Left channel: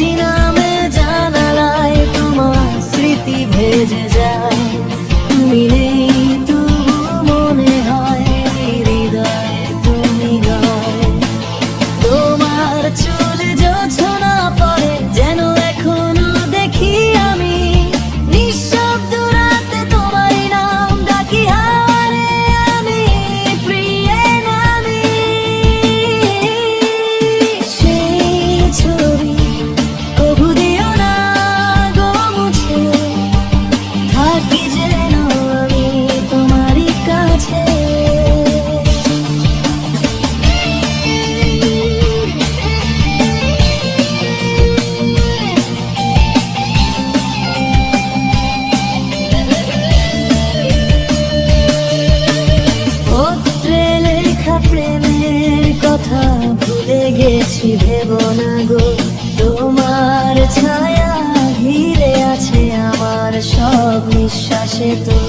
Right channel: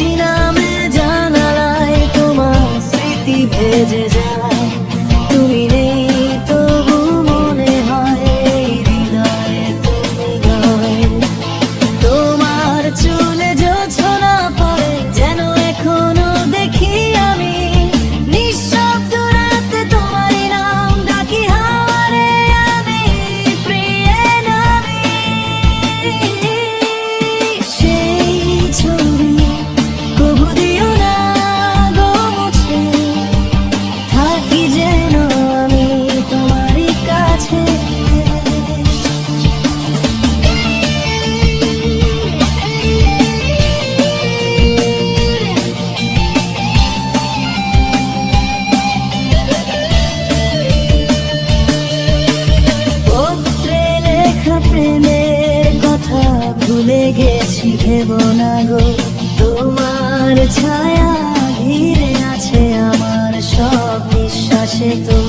Christina. গো। তোমার ছায়া ঘিরে আছে আমার সব বিশ্বাসে তো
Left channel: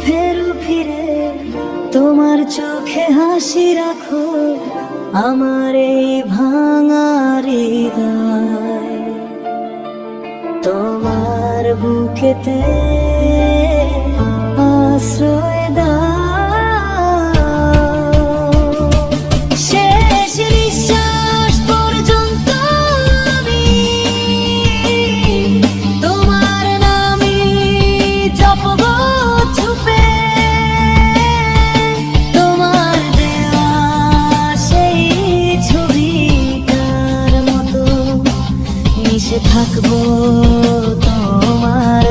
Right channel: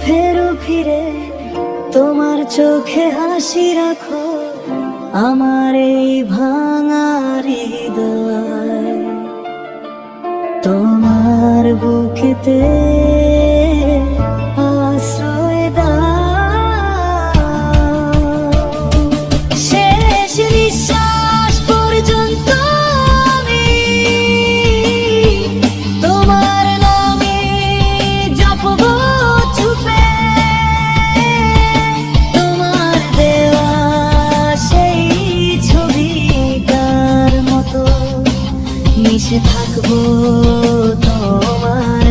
ফেরো ফিরে তোমার চোখে হাসি রাখো আমার এই ভাঙা তোমার বুকেতে আশ্রয় থাকব তোমার